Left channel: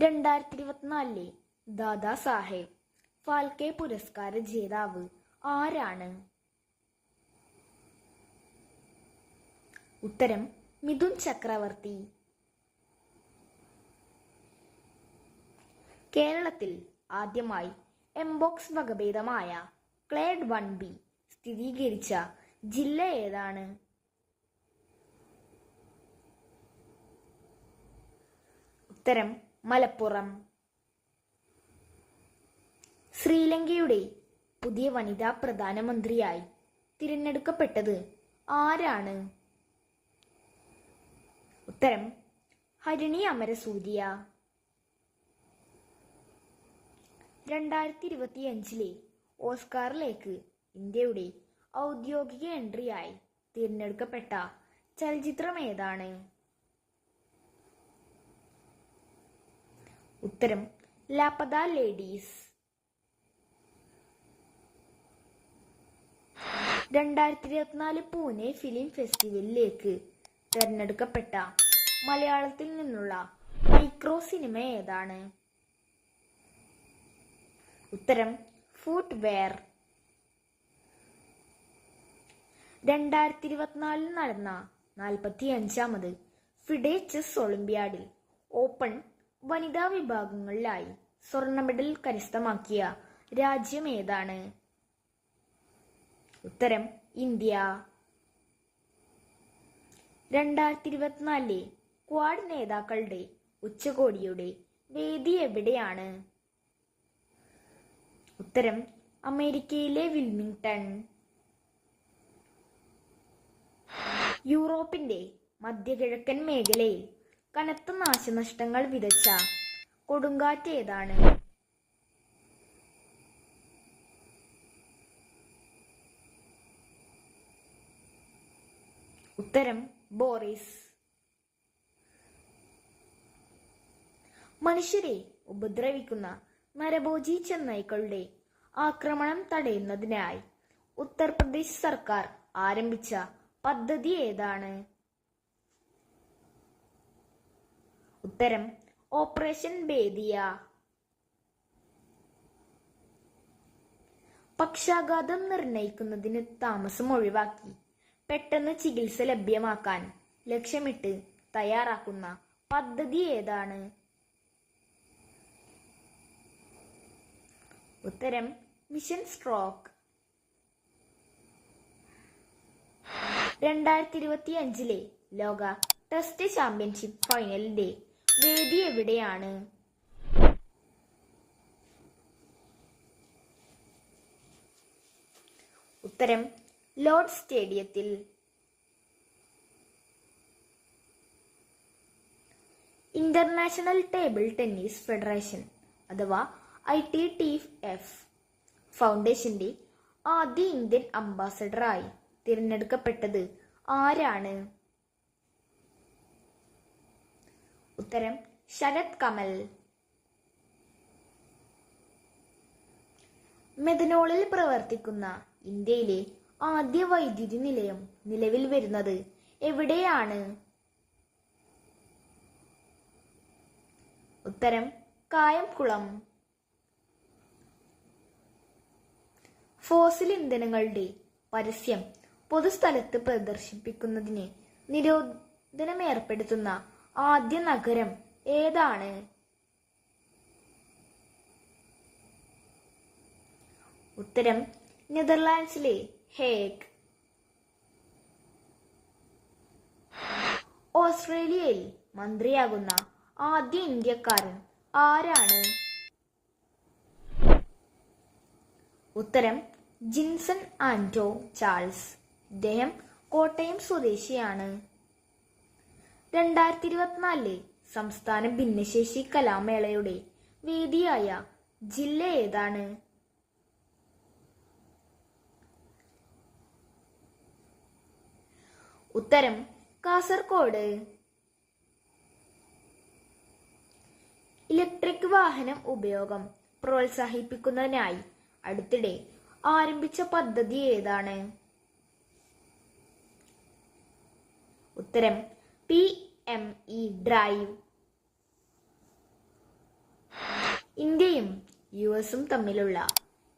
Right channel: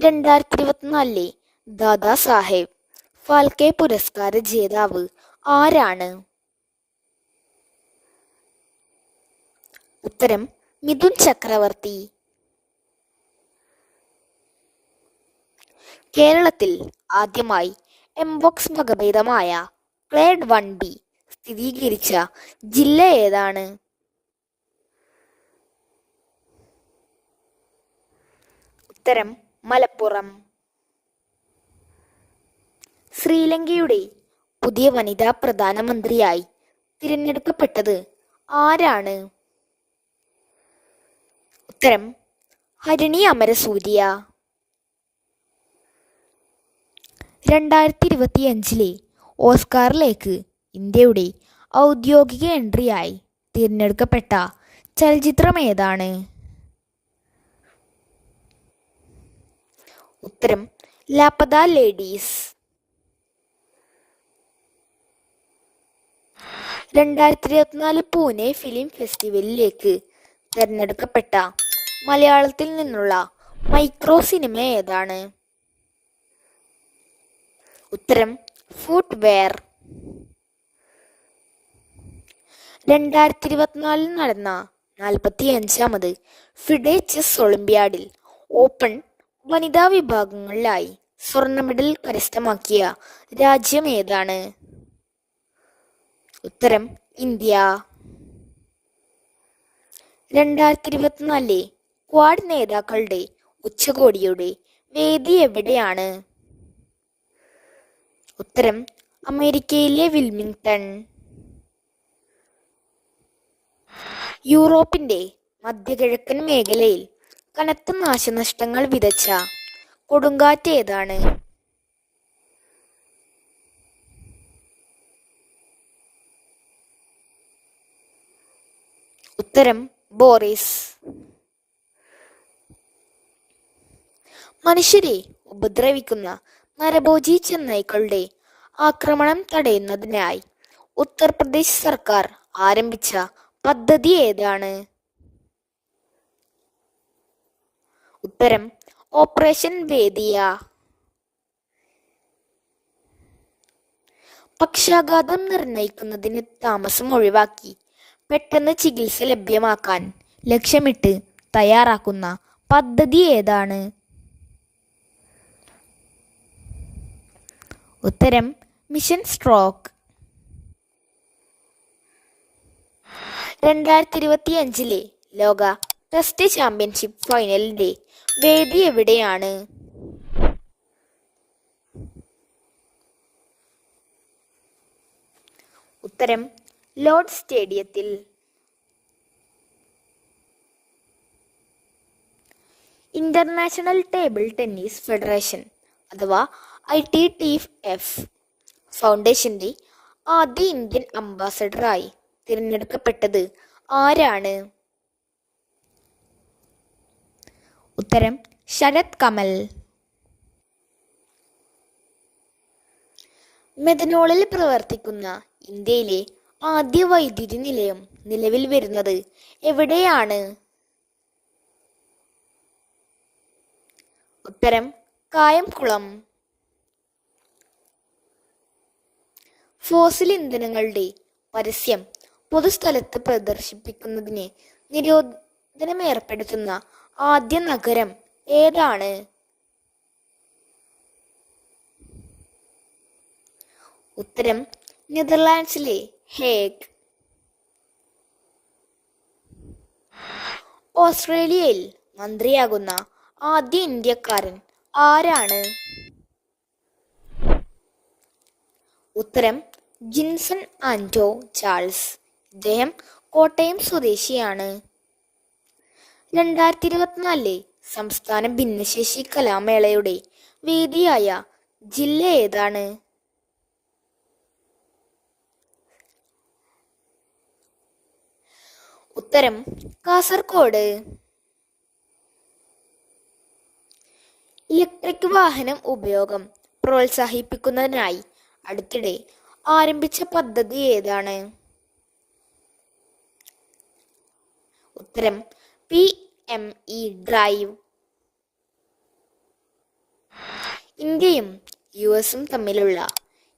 2024 ദാദാ സാഹേബ് ഫാൽക്കെ പുരസ്കാര ജേതാവ് ആരാണ്? ഉത്തരം മിഥുൻ ചക്രവർത്തി. കേരളത്തിൽ ആദ്യമായി എംപോക്സ് വകഭേദമായ ക്ലേഡ് 1B സ്ഥിരീകരിച്ച ജില്ല ഏതാണ്? ഉത്തരം മലപ്പുറം. ശ്രീലങ്കയുടെ പുതിയ വനിതാ പ്രധാനമന്ത്രിയായി തിരഞ്ഞെടുക്കപ്പെട്ടത് ആരാണ്? ഉത്തരം ഹരിണി അമരസൂര്യ. 2025 ഓസ്കാറിലേക്ക് ഇന്ത്യയുടെ ഔദ്യോഗിക എൻട്രിയായി തിരഞ്ഞെടുക്കപ്പെട്ട ചലച്ചിത്രം ഏതാണ്? ഉത്തരം ലാപത ലേഡീസ്. 2024 പൂനെ ഫിലിം ഫെസ്റ്റിവലിലേക്ക് തിരഞ്ഞെടുക്കപ്പെട്ട മലയാളത്തിൽ നിന്നുള്ള മൈക്രോ സിനിമ ഏതാണ്? ഉത്തരം ഫുട്വെയർ. 2024 നടന്ന 45ാമത് ഫിഡെ ചെസ് ഒളിമ്പ്യാഡിൽ ഓപ്പൺ വനിതാ വിഭാഗങ്ങളിലായി സ്വർണ്ണ മെഡൽ കരസ്ഥമാക്കിയ രാജ്യം ഏതാണ്? ഉത്തരം ഇന്ത്യ. 2024 ക്വാഡ് നേതാക്കളുടെ ഉച്ചകോടിയുടെ വേദി എവിടെയാണ്? ഉത്തരം അമേരിക്കയിലെ വിൽമിംഗ്ടൺ. യൂറോപ്പിന്റെ മധ്യകിഴക്കൻ മേഖലയിൽ കനത്ത നാശനഷ്ടങ്ങൾ വിതച്ച കൊടുങ്കാറ്റ് ഏതാണ്? ഉത്തരം ബോറിസ്. മനുഷ്യരെ ഉപദ്രവിക്കുന്ന നരഭോജി ചെന്നായ്ക്കളുടെ ആക്രമണം തടയുന്നതിനായി ഉത്തർപ്രദേശ് സർക്കാർ ആരംഭിച്ച പദ്ധതി ഏതാണ്? ഉത്തരം ഓപ്പറേഷൻ വേദിയ. പക്ഷാഘാതം നിർണയിക്കുന്നതിന് താമസം ഒഴിവാക്കി പെട്ടെന്ന് ചികിത്സ ലഭ്യമാക്കാൻ ലക്ഷ്യമിട്ട് തയ്യാറാക്കുന്ന പദ്ധതി ഏതാണ്? ഉത്തരം മിഷൻ സ്ട്രോക്ക്. 2025 ലോക ടെസ്റ്റ് ചാമ്പ്യൻഷിപ്പ് ഫൈനലിന്റെ വേദി എവിടെയാണ്? ഉത്തരം ലോർഡ്സ് സ്റ്റേഡിയത്തിൽ. ഇന്റർനാഷണൽ ടേബിൾ ടെന്നീസ് ഫെഡറേഷൻ അഥവാ ITTF ഫൗണ്ടേഷന്റെ ആദ്യ ഇന്ത്യൻ അംബാസഡറായി തിരഞ്ഞെടുക്കപ്പെട്ടത് ആരാണ്? ഉത്തരം ശരത് കമൽ. മെഥനോളിൽ പ്രവർത്തിക്കുന്ന ഇന്ത്യയിലെ ആദ്യ വൈദ്യുതി നിലയം നിലവിൽ വരുന്നത് എവിടെയാണ്? ഉത്തരം കായംകുളം. ഫോസിൽ ഇന്ധനങ്ങളുടെ പരസ്യം പൊതുസ്ഥലത്ത് പ്രദർശിപ്പിക്കുന്നതിന് നിരോധനം ഏർപ്പെടുത്തുന്ന ആദ്യ നഗരം ഏതാണ്? ഉത്തരം നെതർലാൻഡ്സിലെ ഹേഗ്. ഓസ്ട്രേലിയയിൽ മന്ത്രിയാകുന്ന ആദ്യ ഇന്ത്യക്കാരൻ ആരാണ്? ഉത്തരം ജിൻസൺ ആന്റോ ചാൾസ്. ഇദ്ദേഹം കോട്ടയം സ്വദേശിയാണ്. 2024 സംസ്ഥാന ഭിന്നശേഷി കലാമേളയുടെ വേദിയായ ജില്ല ഏതാണ്? ഉത്തരം കാസർഗോഡ്. ഇലക്ട്രിക് വാഹനം ഉപയോഗം പ്രോത്സാഹിപ്പിക്കുന്നതിനായി അടുത്തിടെ ആരംഭിച്ച പദ്ധതി ഏതാണ്? ഉത്തരം PME ഡ്രൈവ്. ഇന്ത്യയും US തമ്മിലുള്ള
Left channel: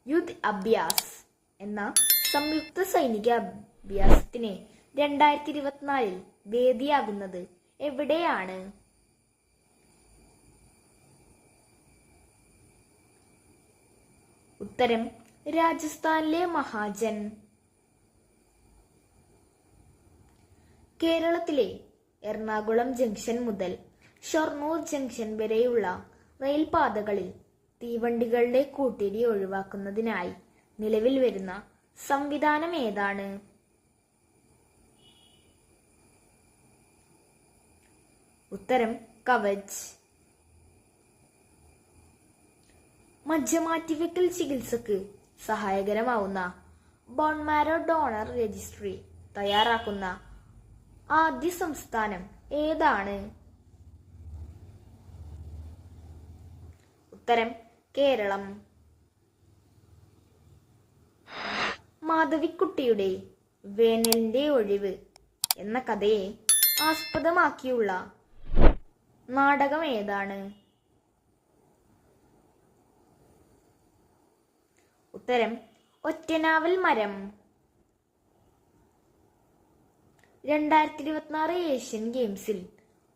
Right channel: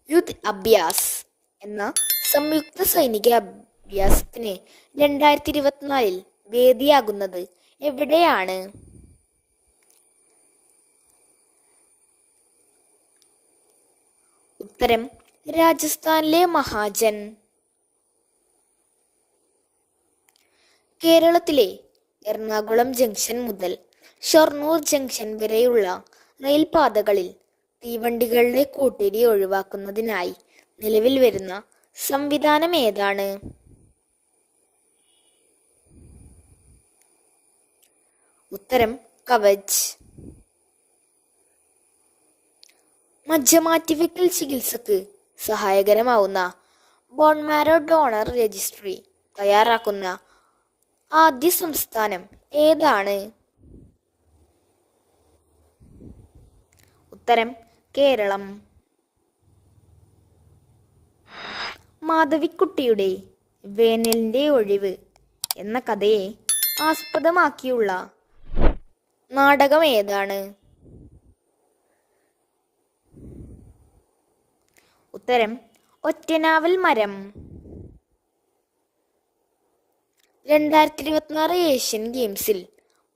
യുദ്ധ് അഭ്യാസ് എന്ന സംയുക്ത സൈനിക അഭ്യാസത്തിന് 2024 വേദിയാകുന്നത് എവിടെയാണ്? ഉത്തരം രാജസ്ഥാനിലെ മഹാജൻ. കേരളത്തിലെ എറണാകുളം ജംഗ്ഷൻ മുതൽ ഷൊർണൂർ ജംഗ്ഷൻ വരെയുള്ള റെയിൽപാതകളിൽ തീവണ്ടികളുടെ കൂട്ടിരി ഒഴിവാക്കുന്നതിനായി നിലവിൽ വരുന്ന സംവിധാനം ഏതാണ്? ഉത്തരം കവച്. മജ്ജമാറ്റിവെക്കൽ ചികിത്സക്ക് സഹായകരമാവുന്ന ബോൺമാരോ ഡോണർ രജിസ്ട്രി തയ്യാറാക്കുന്ന ആദ്യ സംസ്ഥാനം ഏതാണ്? ഉത്തരം കേരളം. മാധവിക്കുട്ടിയുടെ വേനലിന്റെ ഒഴിവ് എന്ന കഥയെ ആസ്പദമാക്കിയുള്ള നാടകം ഏതാണ്? ഉത്തരം ഒറ്റനാവൽ മരം. 2026 ഏഷ്യൻ ഗെയിംസിൽ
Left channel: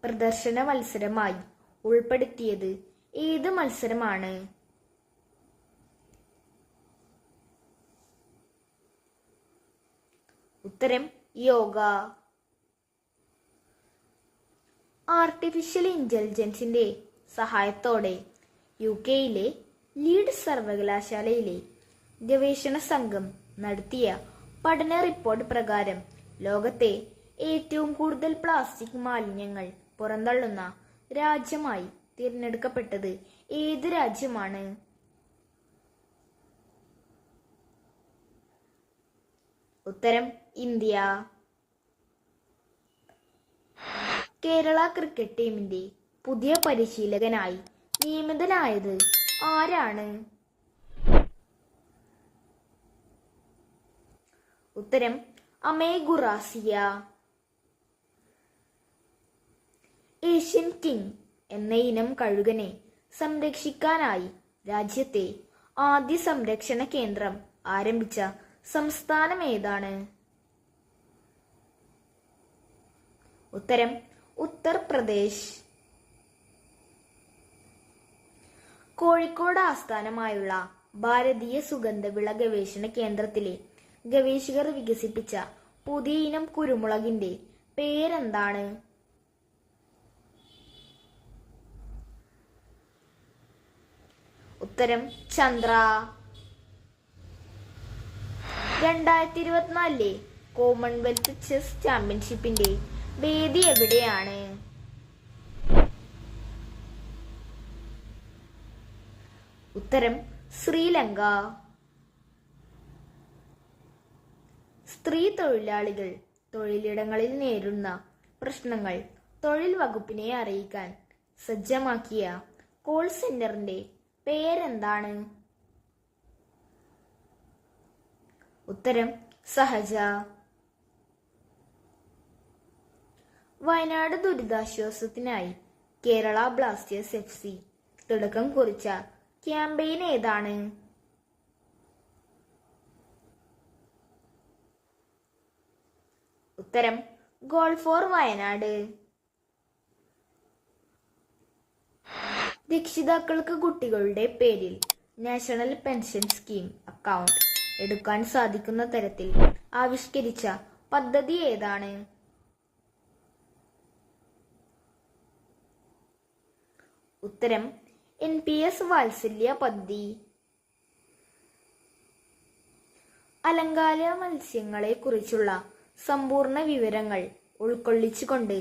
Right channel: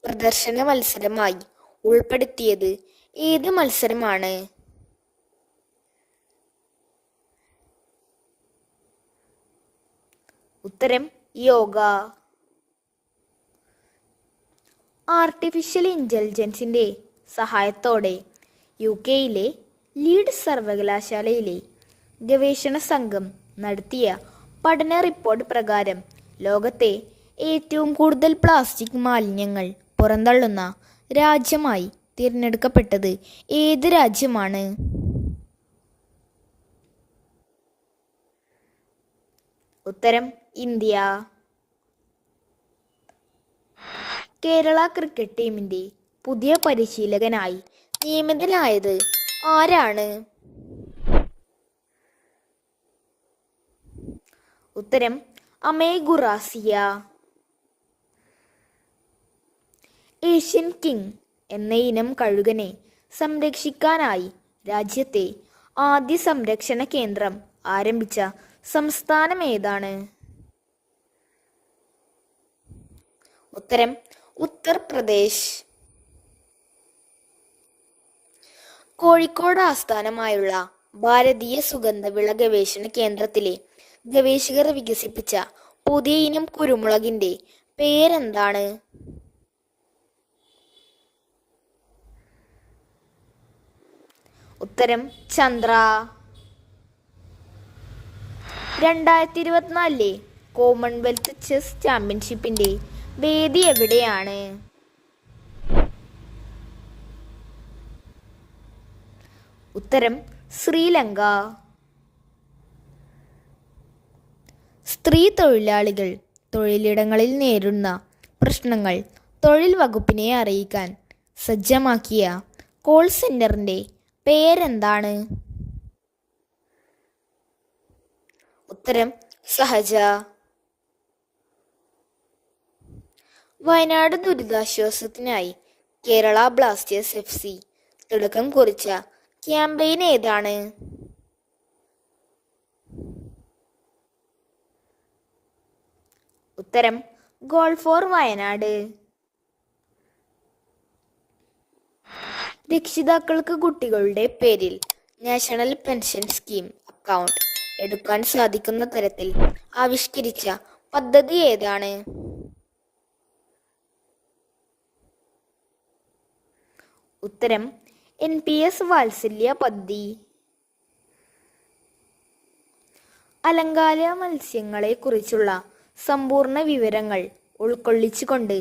പ്രദർശന മത്സരമായി ഉൾപ്പെടുത്തിയത് ഏത് മത്സരമാണ്? ഉത്തരം യോഗ. ആർട്ടിഫിഷ്യൽ ഇന്റലിജൻസിന്റെ സഹായത്തോടെ UK-യിലെ ലീഡ്സ് സർവകലാശാലയിലെ ഗവേഷണ സംഘം നടത്തിയ പഠന റിപ്പോർട്ട് പ്രകാരം ലോകത്തെ ഏറ്റവും കൂടുതൽ പ്ലാസ്റ്റിക് മാലിന്യങ്ങൾ പുറന്തള്ളുന്ന രാജ്യമായി തിരഞ്ഞെടുക്കപ്പെട്ടത് ഏത് രാജ്യമാണ്? ഉത്തരം ഇന്ത്യ. കേരള ക്രിക്കറ്റ് ടീമിന്റെ പുതിയ പരിശീലകനായി നിയമിതനായത് ആരാണ്? ഉത്തരം അമേ ഗുറാസിയ. ഏഷ്യൻ കിങ് എന്ന ഇനം കഴുകനെ സംരക്ഷിക്കാനായി രാജ്യത്തെ ആദ്യ സംരക്ഷണ കേന്ദ്രം ആരംഭിച്ച സംസ്ഥാനം ഏതാണ്? ഉത്തരം ഉത്തർപ്രദേശ്. കോഴിക്കോട് ആസ്ഥാനമായുള്ള ഭാരതീയ സുഗന്ധവിള ഗവേഷണ കേന്ദ്രത്തിലെ ഗവേഷകർ വികസിപ്പിച്ച പുതിയ ഇനം കുരുമുളകിന്റെ പേരെന്താണ്? ഉത്തരം ചന്ദ്ര. 2024 കോമൺവെൽത്ത് ചെസ് ചാമ്പ്യൻഷിപ്പിന്റെ വേദി എവിടെയാണ്? ഉത്തരം ശ്രീലങ്ക. സ്ത്രീ തൊഴിലാളികൾ തൊഴിലിടങ്ങളിൽ നേരിടുന്ന പ്രശ്നങ്ങൾ തൊഴിൽ വകുപ്പിനെ അറിയിക്കാൻ സജ്ജമാക്കിയ കോൾ സെന്ററിന്റെ പേരെന്താണ്? ഉത്തരം സഹജ. വയനാട് ദുരിതാശ്വാസത്തിനായി കേരള ബ്ലാസ്റ്റേഴ്സ് FC തുടക്കം കുറിച്ച ക്യാമ്പയിൻ ഏതാണ്? ഉത്തരം ഗോൾ ഫോർ വയനാട്. രക്ഷിതാക്കൾക്ക് കുട്ടികളുടെ പേരിൽ നാഷണൽ പെൻഷൻ സ്കീം അക്കൗണ്ട് എടുക്കാൻ സാധിക്കുന്ന തരത്തിൽ ആവിഷ്കരിച്ച പദ്ധതി ഏതാണ്? ഉത്തരം NPS വാത്സല്യ പദ്ധതി. അലങ്കാര മത്സ്യങ്ങളെ കുറിച്ചുള്ള സമ്പൂർണ്ണ വിവരങ്ങൾ ഉൾക്കൊള്ളിച്ചുകൊണ്ട്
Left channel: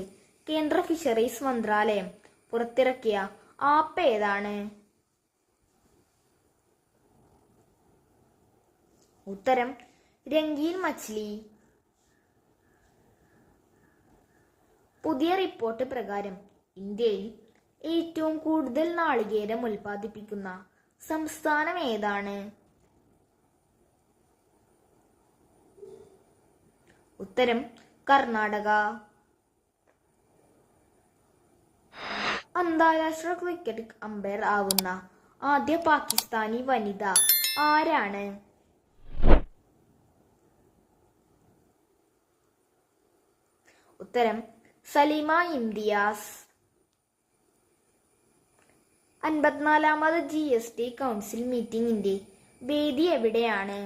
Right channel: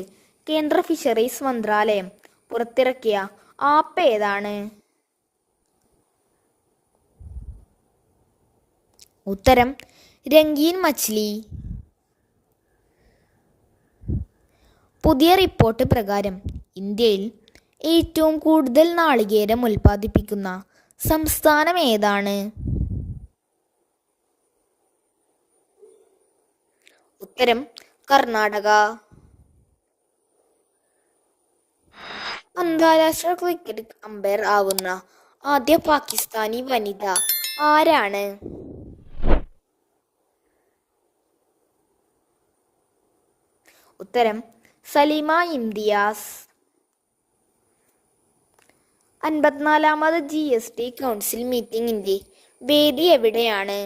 കേന്ദ്ര ഫിഷറീസ് മന്ത്രാലയം പുറത്തിറക്കിയ ആപ്പ് ഏതാണ്? ഉത്തരം രംഗീൻ മച്ച്ലി. പുതിയ റിപ്പോർട്ട് പ്രകാരം ഇന്ത്യയിൽ ഏറ്റവും കൂടുതൽ നാളികേരം ഉൽപ്പാദിപ്പിക്കുന്ന സംസ്ഥാനം ഏതാണ്? ഉത്തരം കർണാടക. അന്താരാഷ്ട്ര ക്രിക്കറ്റ് അമ്പയർ ആവുന്ന ആദ്യ പാകിസ്ഥാനി വനിത ആരാണ്? ഉത്തരം സലീമ ഇംതിയാസ്. 54ാമത് GST കൗൺസിൽ മീറ്റിംഗിന്റെ വേദി എവിടെയാണ്?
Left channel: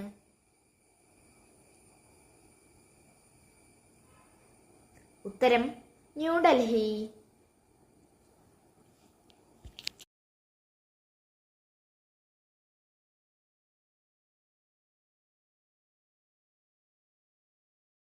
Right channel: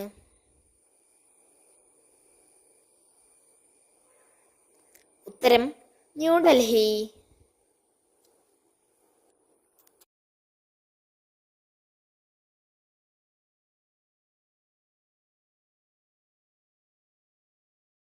ഉത്തരം ന്യൂഡൽഹി.